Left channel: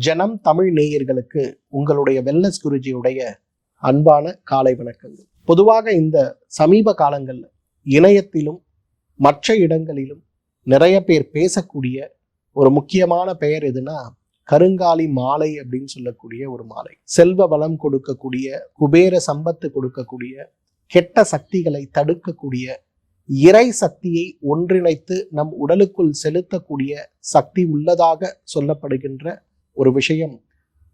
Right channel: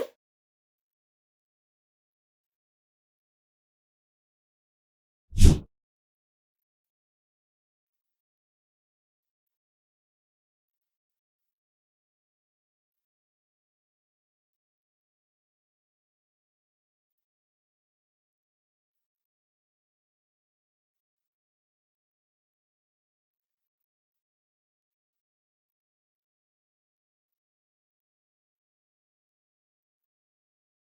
ஜனம் தமிழ் நேயர்களுக்கு உங்களுடைய வெல்னஸ் குருஜியுடைய அன்பான காலை வணக்கங்கள். பொதுவாக இந்த சமீப காலங்களில் இணையத்திலும் மற்ற இடங்களிலும் நிறைய பேர் பேசக்கூடிய ஒரு முக்கியமான பெயர் எதுனா கருங்காலி மாலை அப்படின்னு சொல்லக்கூடிய ஒரு மாலை. செல்வ வளம் கொடுக்கக்கூடிய குபேர சம்பத்து கொடுக்கக்கூடிய கெட்ட சக்திகளை தடுக்கக்கூடிய இறை சக்தியை ஒன்றிணைத்து நம் உடலுக்குள் செலுத்தக்கூடிய சக்தி உள்ளதாக சொல்லப்படுகின்ற ஒரு விஷயம்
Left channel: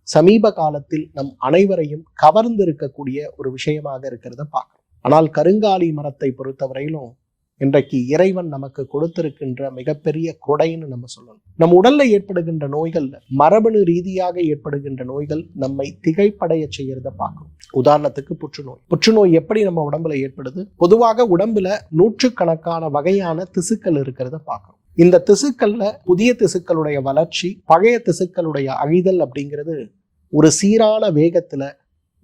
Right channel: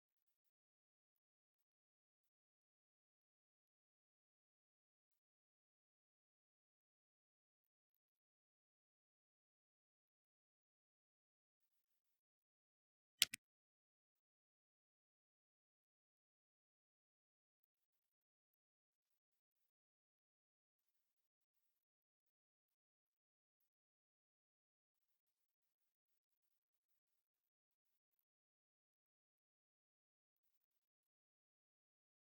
சமீப காலத்தில் நம் அனைவரையும் கவர்ந்திருக்கக்கூடிய ஒரு விஷயமாக இருக்கிறத பார்க்கணும் ஆனால் கருங்காலி மரத்தை பொறுத்தவரையிலும் இன்றைக்கு இறைவன் நமக்கு கொடுத்திருக்கின்ற மிகப்பெரிய கொடைன்னு நம்ம சொல்லணும். நம் உடல்ல ஏற்படுகின்ற நோய்கள் மரபணு ரீதியாக ஏற்படுகின்ற நோய்கள் நம்மை திகைப்படைய செய்யறத பார்க்கணும் உதாரணத்துக்கு புற்றுநோய். புற்றுநோய் எப்படி நம்ம உடம்புல ஏற்படுது? பொதுவாக உடம்புல நூற்றுக்கணக்கான வகையான திசுக்கள் இருக்கிறத பார்க்கணும் இந்த திசுக்கள்ல புதிய திசுக்களுடைய வளர்ச்சி பழைய திசுக்களுடைய அழிதல் அப்படிங்கிறது ஒரு சீரான வேகத்துல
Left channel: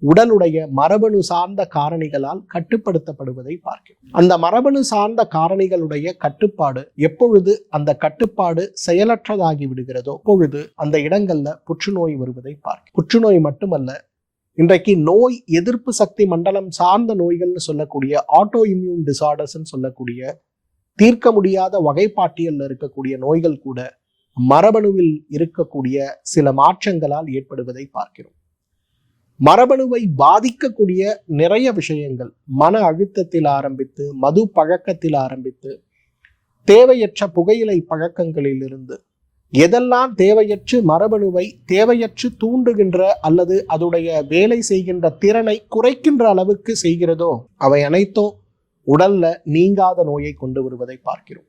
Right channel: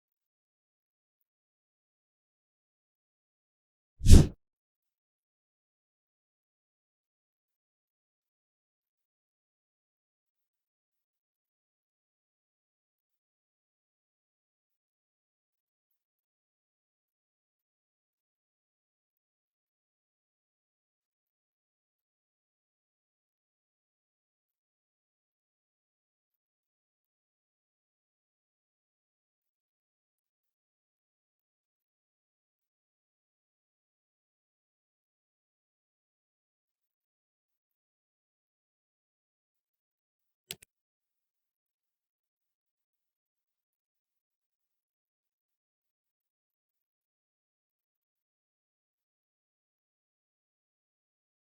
உடலுடைய மரபணு சார்ந்த காரணிகளால் கட்டுப்படுத்தப்படுவதை பார்க்கிறோம். அந்த மரபணு சார்ந்த காரணிகளுடைய கட்டுப்பாடு எப்பொழுது அந்த கட்டுப்பாடு செயலற்றதாகி விடுகிறதோ அப்பொழுது அந்த இடங்கள்ல புற்றுநோய் வருவதை பார்க்கிறோம். புற்றுநோய் மட்டுமல்ல இன்றைக்கு நோய் எதிர்ப்பு சக்தி மண்டலம் சார்ந்த நோய்கள்னு சொல்லக்கூடிய ஆட்டோ இம்யூன் டிசார்டர்ஸ்ன்னு சொல்லக்கூடிய தீர்க்க முடியாத வகைப்பாட்டியலில் இருக்கக்கூடிய நோய்கள் கூட மரபணுவில் இருக்கக்கூடிய சில மாற்றங்களால் ஏற்படுவதை பார்க்கிறோம். மரபணுவை பாதிக்கக்கூடிய நிறைய விஷயங்கள் மன அழுத்தத்தில் ஆரம்பித்து மது பழக்கத்தில் ஆரம்பித்து தேவையற்ற புகையிலை பழக்கங்களிலிருந்து எதெல்லாம் தேவையற்று மரபணுவை தேவையற்று தூண்டுகின்ற அல்லது அதோடைய வேலை செய்கின்ற திறனை குறைக்கின்ற அளவுக்கு செய்கிறதோ அவை அனைத்தும் உடல்ல நீங்காத நோயை கொண்டு வருவதை பார்க்கிறோம்.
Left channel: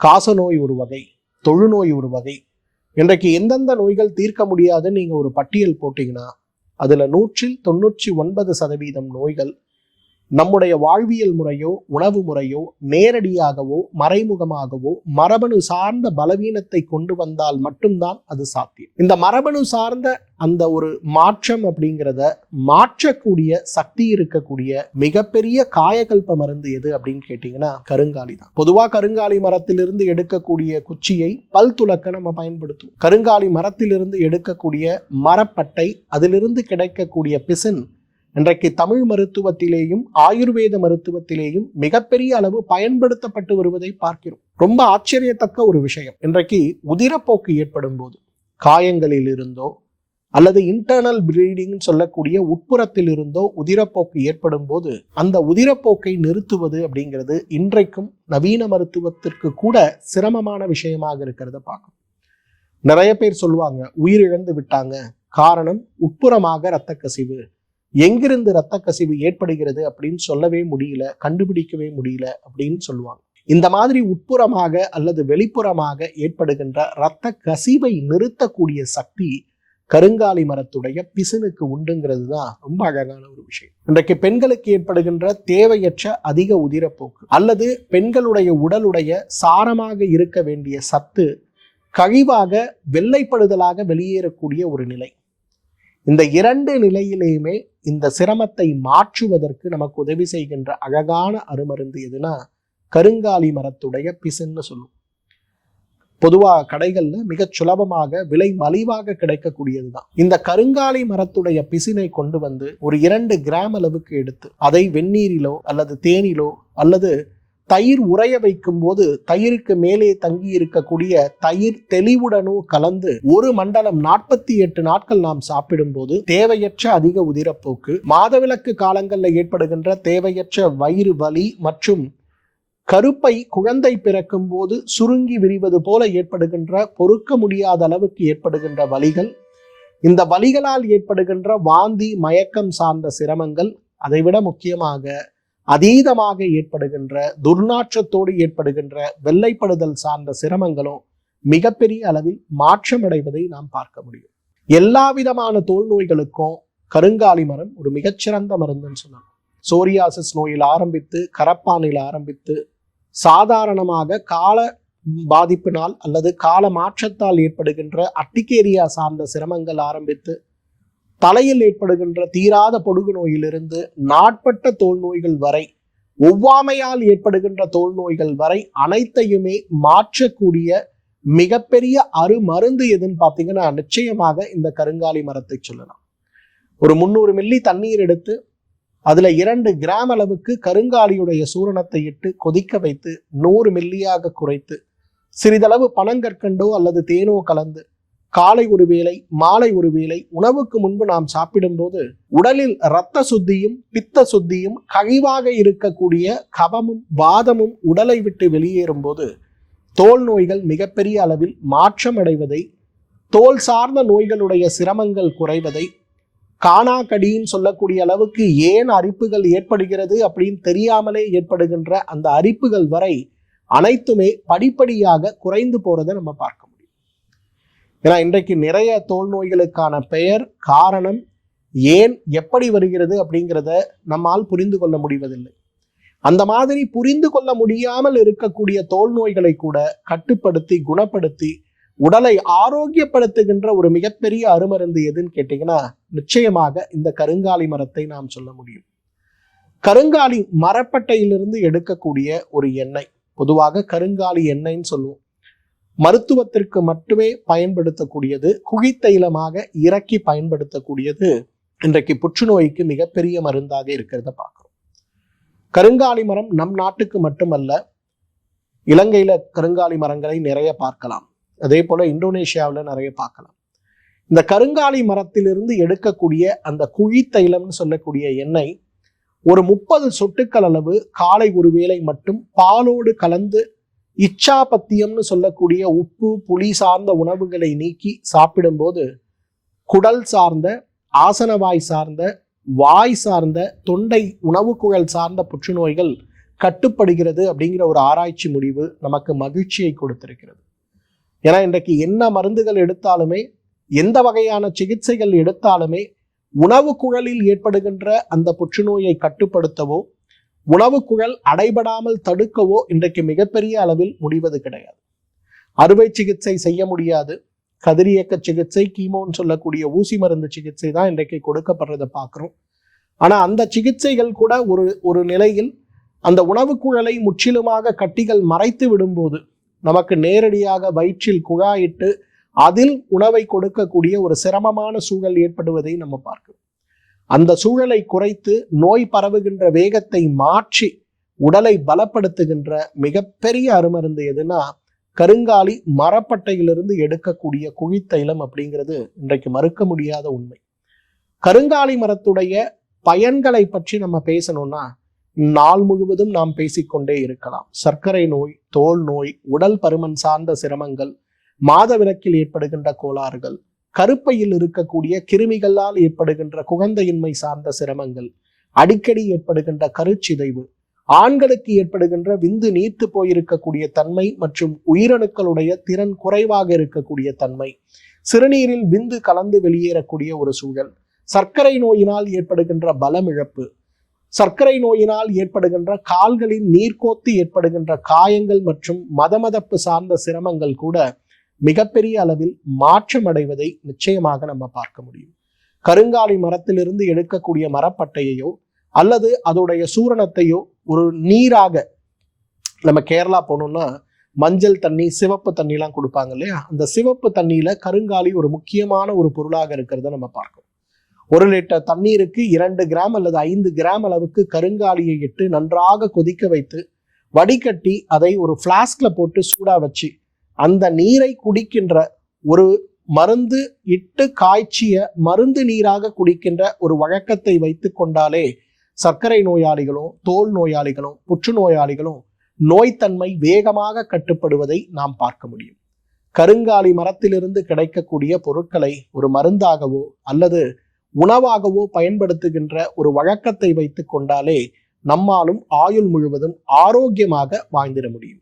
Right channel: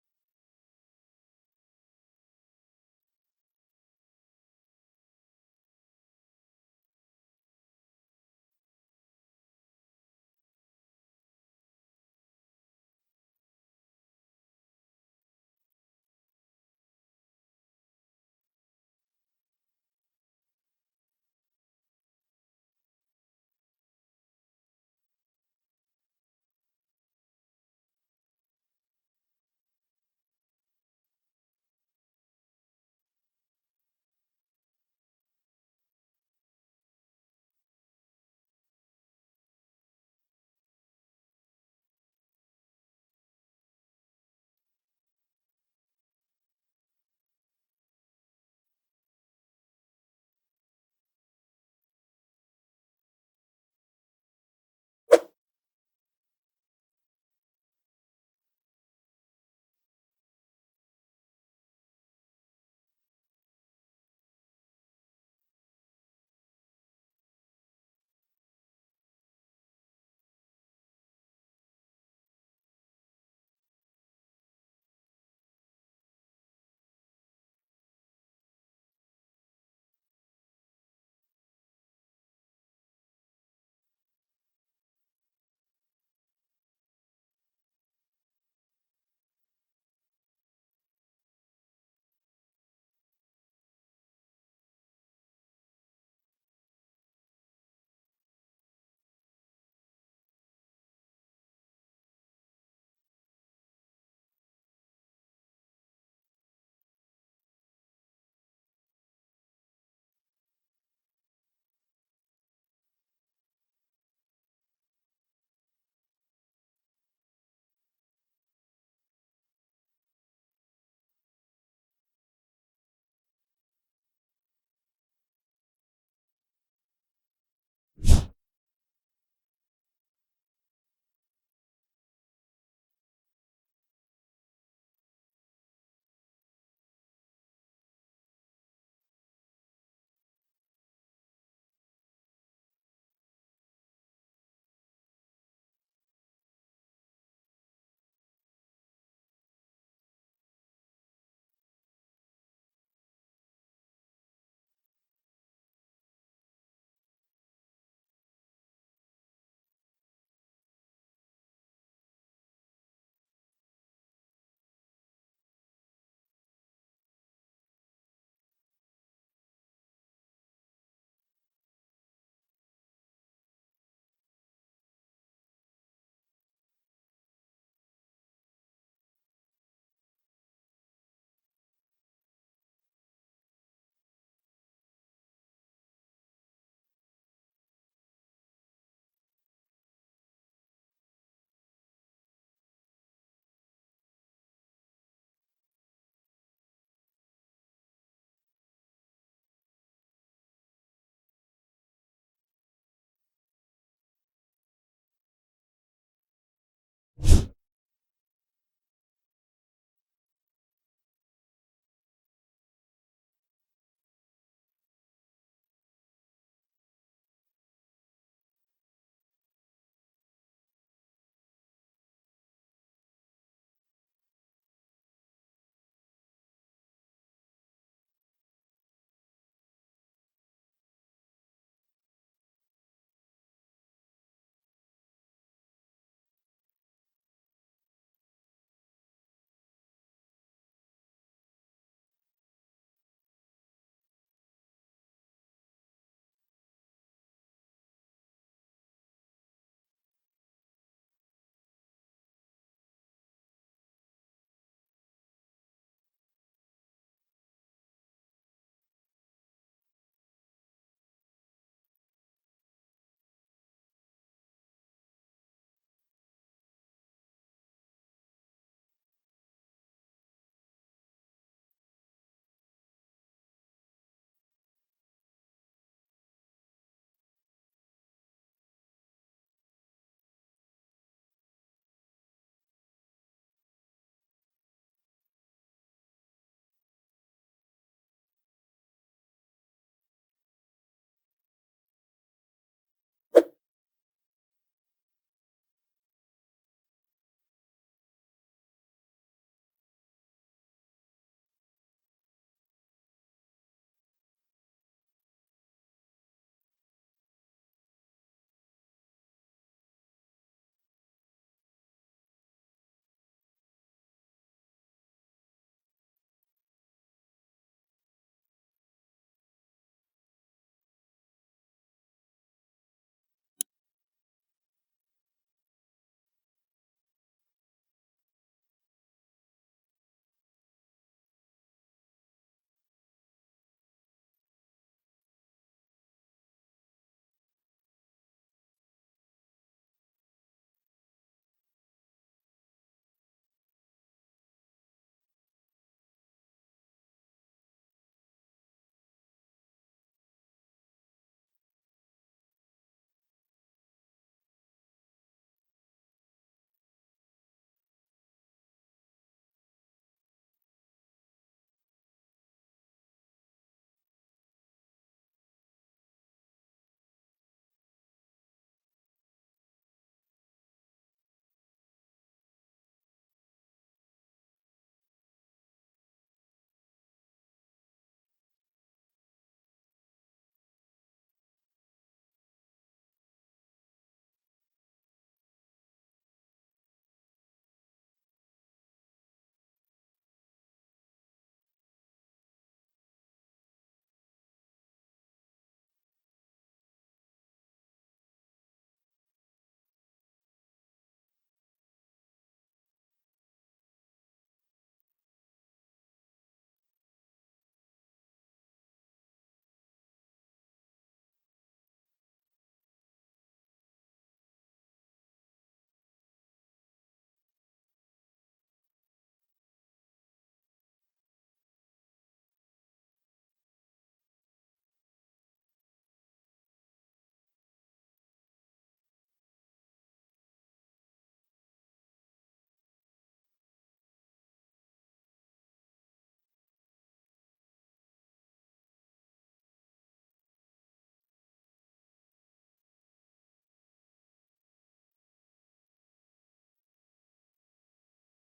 காச நோய் ஒரு வகை தொழுநோய் ஒரு வகை. இன்றைக்கு எந்தெந்த நோய்கள் தீர்க்க முடியாதுன்னு நீங்க ஒரு பட்டியல் போட்டீங்கன்னா அதுல நூற்றில் தொண்ணூற்றி ஒன்பது சதவீதம் நோய்கள் நம்முடைய வாழ்வியல் முறையோ உணவு முறையோ நேரடியாகவோ மறைமுகமாகவோ மரபணு சார்ந்த பலவீனத்தை கொண்டு வந்தால் மட்டும்தான் அது சாத்தியம். இந்த மரபணு சார்ந்த அந்த ஒரு மாற்றம் அப்படிங்கிறத மாற்றக்கூடிய சக்தி இருக்கக்கூடிய மிகப்பெரிய காயகல்ப மருந்து எது அப்படின்னு கேட்டீங்கன்னா கருங்காலி தான். பொதுவாக கருங்காலி மரத்திலிருந்து எடுக்கக்கூடிய குச்சியை பல் துளக்க நம்ம பயன்படுத்துவோம். கருங்காலி மரத்திலிருந்து எடுக்கக்கூடிய மரப்பட்டை அதிலிருந்து கிடைக்கக்கூடிய பிசின் இன்றைக்கு தமிழ் மருத்துவத்திலேயும் ஆயுர்வேத மருத்துவத்திலேயும் மிகப்பெரிய அளவு பயன்படுத்தப்பட்டு வருவதை பார்க்கிறோம். ரொம்ப ஆச்சரியத்தக்க ஒரு விஷயம். இன்றைக்கு உதிரப்போக்கு ஏற்படும் போது காயங்களில் இருந்தோ அல்லது இன்டர்னல் ப்ளீடிங் சொல்லக்கூடிய உட்புறத்தில் இருந்தோ உதிரப்போக்கு ஏற்படும் போது அந்த உதிரப்போக்கை நிறுத்துவது அப்படிங்கிறது இன்றைக்கும் நவீன மருத்துவத்திற்கு கூட சிரமமான விஷயமாக இருக்கிறத பார்க்கும் நிறைய பேர் சொல்லுவாங்க உயிரிழந்து விட்டாங்க. காரணம் உட்புறமாக இரத்த கசிவு எங்கிருந்து இரத்த கசிவு ஏற்படுகிறது அப்படின்னு சொல்லவே முடியல கண்டுபிடிக்கவே முடியல அப்படின்னு சொல்லுவாங்க. இந்த மாதிரி உட்புறமாக அல்லது வெளிப்புறமாக ஏற்படுகின்ற இரத்த கசிவை நிறுத்தக்கூடிய சக்தி கருங்காலி மரத்துடைய பிசினுக்கு உண்டுங்கிறது தான் ரொம்ப அழகான ஒரு விஷயம். இன்றைக்கு பெண்களுக்கு ஏற்படுகின்ற தேவையற்ற அதிக உதிரப்போக்கு அல்லது பெண்களுடைய உடலுடைய சாரமாக இருக்க வேண்டிய சத்து கழிவாக வெள்ளைப்படுதலாக வெளியேறக்கூடிய ஒரு நிலை. இந்த இரண்டு நிலையிலேயுமே இந்த சிரமத்தை மாற்றுவதற்கு நமக்கு உதவி செய்கின்ற அழகான அருமருந்து எதுனா கருங்காலி மரத்துடைய பிசுன்னு சொல்லுவோம் பொதுவாக கடைகளில் மிகச் சுலபமாக விலை மலிவாக கிடைக்கக்கூடியது தான் இந்த கருங்காலி மரத்துடைய பிசினை கொண்டு வந்து ஒரு இரண்டு கிராம் அளவுக்கு எடுத்து அதை வெந்நீரிலோ அல்லது தேனிலோ அல்லது தயிர் உறைய வைக்கும் போது தயிருக்கு மேலே தங்கி இருக்கக்கூடிய தயிர் தெளிவுடனும் கலந்து ஒரு மண்டலம் நாற்பத்தி எட்டு நாட்கள் நாம் சாப்பிடும் போது தேவையற்ற அதிக உதிரப்போக்கு மாதவிலக்கு காலங்களில் ஏற்படுகின்ற தேவையற்ற வயிறு வலி மற்றும் கருப்பை குழந்தை பிறக்கும் போது சுருங்கி விரிவது போல ஏற்படுகின்ற பொறுக்க முடியாத அளவுக்கு ஏற்படுகின்ற வலிகள் இந்த வலிகளால் ஏற்படுகின்ற வாந்தி மயக்கம் சார்ந்த சிரமங்கள் அதைவிட முக்கியமாக அதீதமாக ஏற்படுகின்ற துர்நாற்றத்தோடு ஏற்படுகின்ற வெள்ளைப்படுதல் சார்ந்த சிரமங்களும் மிகப்பெரிய அளவில் மாற்றமடைவதை நாம் பார்க்க முடியும். எல்லா விதமான தோல் நோய்களுக்கும் கருங்காலி மரம் ஒரு மிகச்சிறந்த மருந்துன்னு சொன்னாங்க சோரியாசிஸ் நோயில் ஆரம்பித்து கரப்பானில் ஆரம்பித்து சாதாரணமாக கால பாதிப்பினால் அல்லது கால மாற்றத்தால் ஏற்படுகின்ற அட்டிகேரியா சார்ந்த சிரமங்கள் ஆரம்பித்து தலையில் ஏற்படுகின்ற தீராத பொடுகு நோயிலிருந்து நாட்பட்ட தோல் நோய்கள் வரை ஒவ்வாமையால் ஏற்படுகின்ற தோல் நோய்கள் வரை அனைத்தையுமே மாற்றக்கூடிய மிகப்பெரிய அருமருந்து எதுன்னு பார்த்தீங்கன்னா நிச்சயமாக இந்த கருங்காலி மரத்தை சொல்லலாம். ஒரு முந்நூறு மில்லி தண்ணீர் எடுத்து அதில் இரண்டு கிராம் அளவுக்கு கருங்காலியுடைய சூரணத்தை இட்டு கொதிக்க வைத்து நூறு மில்லியாக குறைத்து சிறிதளவு பனங்கற்கண்டோ அல்லது தேனோ கலந்து காலை ஒரு வேளை மாலை ஒரு வேளை உணவுக்கு முன்பு நாம் சாப்பிடும்போது உடலில் இரத்த சுத்தியும் பித்த சுத்தியும் கழிவாக இருக்கக்கூடிய கவமும் வாதமும் உடலை விட்டு வெளியேறும் போது தோல் நோய்கள் மிகப்பெரிய அளவில் மாற்றம் அடைவதை தோல் சார்ந்த நோய்களுடைய சிரமங்கள் குறைவதை காணாக்கடின்னு சொல்லக்கூடிய அளவுக்கு ஏன் அரிப்புகள் ஏற்படுகிறது அப்படின்னு தெரியாமலே ஏற்படுகின்ற அந்த அரிப்புகள் வரை அனைத்துமே படிப்படியாக குறைந்து போறதை நம்ம பார்க்கலாம் ஏன்னா இன்றைக்கு நிறைய தோல் நோய்களுக்கான பெயர் காரணம் ஏன் எப்படி வருகிறது அப்படிங்கிறத நம்மால் புரிந்து கொள்ள முடிவதில்லை. அந்த மாதிரி புரிந்து கொள்ள முடியாமல் இருக்கக்கூடிய தோல் நோய்களை கூட கட்டுப்படுத்தி குணப்படுத்தி உடலை ஆரோக்கியப்படுத்துகின்ற ஒரு மிகப்பெரிய அருமருந்து எதுன்னு கேட்டீங்கன்னா நிச்சயமாக இந்த கருங்காலி மரத்தை நாம் சொல்ல முடியும். கருங்காலி மரப்பட்டையிலிருந்து எடுக்கக்கூடிய ஒரு எண்ணெய் பொதுவாக கருங்காலி எண்ணெய்ன்னு சொல்லுவோம். மருத்துவத்திற்கு மட்டுமே பயன்படுத்தக்கூடியது குகித்தைலமாக இறக்கி பயன்படுத்தக்கூடியது இன்றைக்கு புற்றுநோய்க்கு மிகப்பெரிய மருந்தாக இருக்கிறத பார்க்குறோம். கருங்காலி மரம் நம் நாட்டுக்கு மட்டுமல்ல இலங்கையில கருங்காலி மரங்களை நிறைய பார்க்கலாம். அதே போல இந்தோனேஷியாவில் நிறைய பார்க்கலாம். இந்த கருங்காலி மரத்திலிருந்து எடுக்கக்கூடிய அந்த குழித்தைலம்னு சொல்லக்கூடிய எண்ணெய் ஒரு முப்பது சொட்டுக்கள் அளவு காலை ஒரு வேளை மட்டும் பாலோடு கலந்து இச்சாபத்தியம்னு சொல்லக்கூடிய உப்பு புளி சார்ந்த உணவுகளை நீக்கி சாப்பிடும்போது குடல் சார்ந்த ஆசனவாய் சார்ந்த வாய் சார்ந்த தொண்டை உணவு குழல் சார்ந்த புற்றுநோய்கள் கட்டுப்படுகிறது அப்படிங்கிற ஒரு ஆராய்ச்சி முடிவு நமக்கு மகிழ்ச்சியை கொடுத்திருக்கிறது. ஏன்னா இன்றைக்கு என்ன மருந்துகள் எடுத்தாலுமே எந்த வகையான சிகிச்சைகள் எடுத்தாலுமே உணவு குழலில் ஏற்படுகின்ற அந்த புற்றுநோயை கட்டுப்படுத்தவோ உணவு குழல் அடைபடாமல் தடுக்கவோ இன்றைக்கு மிகப்பெரிய அளவில் முடிவது கிடையாது. அறுவை சிகிச்சை செய்ய முடியாது. கதிரியக்க சிகிச்சை கீமோன்னு சொல்லக்கூடிய ஊசி மருந்து சிகிச்சை தான் இன்றைக்கு கொடுக்கப்படுறதை பார்க்குறோம். ஆனால் அந்த சிகிச்சைகள் கூட ஒரு ஒரு நிலையில் அந்த உணவு குழலை முற்றிலுமாக கட்டிகள் மறைத்து விடும்போது நமக்கு நேரடியாக வயிற்றில் குழாயிட்டு அதில் உணவை கொடுக்கக்கூடிய ஒரு சிரமமான சூழல் ஏற்படுவதை நம்ம பார்க்கிறோம். அந்த சூழலை குறைத்து நோய் பரவுகின்ற வேகத்தை மாற்றி உடலை பலப்படுத்துகின்ற மிகப்பெரிய அருமருந்து எதுனா கருங்காலி மரப்பட்டையிலிருந்து எடுக்கக்கூடிய குழித்தைலம் அப்படிங்கிறது இன்றைக்கு மறுக்க முடியாத உண்மை. கருங்காலி மரத்துடைய பயன்களை பற்றி நம்ம பேசணும்னா நாள் முழுவதும் நாம் பேசிக்கொண்டே இருக்கலாம். சர்க்கரை நோய் தோல் நோய் உடல் பருமன் சார்ந்த சிரமங்கள் மாதவிலக்கில் ஏற்படுகின்ற கோளாறுகள் கருப்பையில் இருக்கக்கூடிய கிருமிகளால் ஏற்படுகின்ற குழந்தையின்மை சார்ந்த சிரமங்கள் அடிக்கடி ஏற்படுகின்ற கருச்சிதைவு ஆண்களுக்கு ஏற்படுகின்ற விந்து நீர்த்து போயிருக்கக்கூடிய தன்மை மற்றும் உயிரணுக்களுடைய திறன் குறைவாக இருக்கக்கூடிய தன்மை சிறுநீரில் விந்து கலந்து வெளியேறக்கூடிய ஒரு சூழல் சர்க்கரை நோயினால் ஏற்படுகின்ற பலமிழப்பு சர்க்கரை நோயினால் ஏற்படுகின்ற கால்களின் நீர்க்கோத்து ஏற்படுகின்ற காயங்கள் மற்றும் மதமதப்பு சார்ந்த சிரமங்கள் கூட மிகப்பெரிய அளவில் மாற்றம் அடைவதை நிச்சயமாக நம்ம பார்க்க முடியும். கருங்காலி மரத்திலிருந்து எடுக்கக்கூடிய மரப்பட்டையையோ அல்லது அதோடைய சூரணத்தையோ ஒரு நீராக நம்ம கேரளா போனோம்னா மஞ்சள் தண்ணி சிவப்பு தண்ணிலாம் கொடுப்பாங்க இல்லையா? அந்த சிவப்பு தண்ணியில கருங்காலி ஒரு முக்கியமான ஒரு பொருளாக இருக்கிறத நம்ம பார்க்கணும். ஒரு லிட்டர் தண்ணீருக்கு இரண்டு கிராம் அல்லது ஐந்து கிராம் அளவுக்கு கருங்காலியை இட்டு நன்றாக கொதிக்க வைத்து வடிகட்டி அதை ஒரு ஃப்ளாஸ்கில் போட்டு சூடாக வச்சு அந்த நீரை குடிக்கின்ற ஒரு மருந்து இட்டு காய்ச்சிய மருந்து நீராக குடிக்கின்ற ஒரு வழக்கத்தை வைத்து கொண்டாலே சர்க்கரை நோயாளிகளும் தோல் நோயாளிகளும் புற்றுநோயாளிகளும் நோய்த்தன்மை வேகமாக கட்டுப்படுவதை நாம் பார்க்க முடியும். கருங்காலி மரத்திலிருந்து கிடைக்கக்கூடிய பொருட்களை ஒரு மருந்தாகவோ அல்லது உணவாகவோ பயன்படுத்துகின்ற ஒரு வழக்கத்தை வைத்து கொண்டாலே நம்மாலும் ஆயுள் முழுவதும் ஆரோக்கியமாக வாழ்ந்திட முடியும்.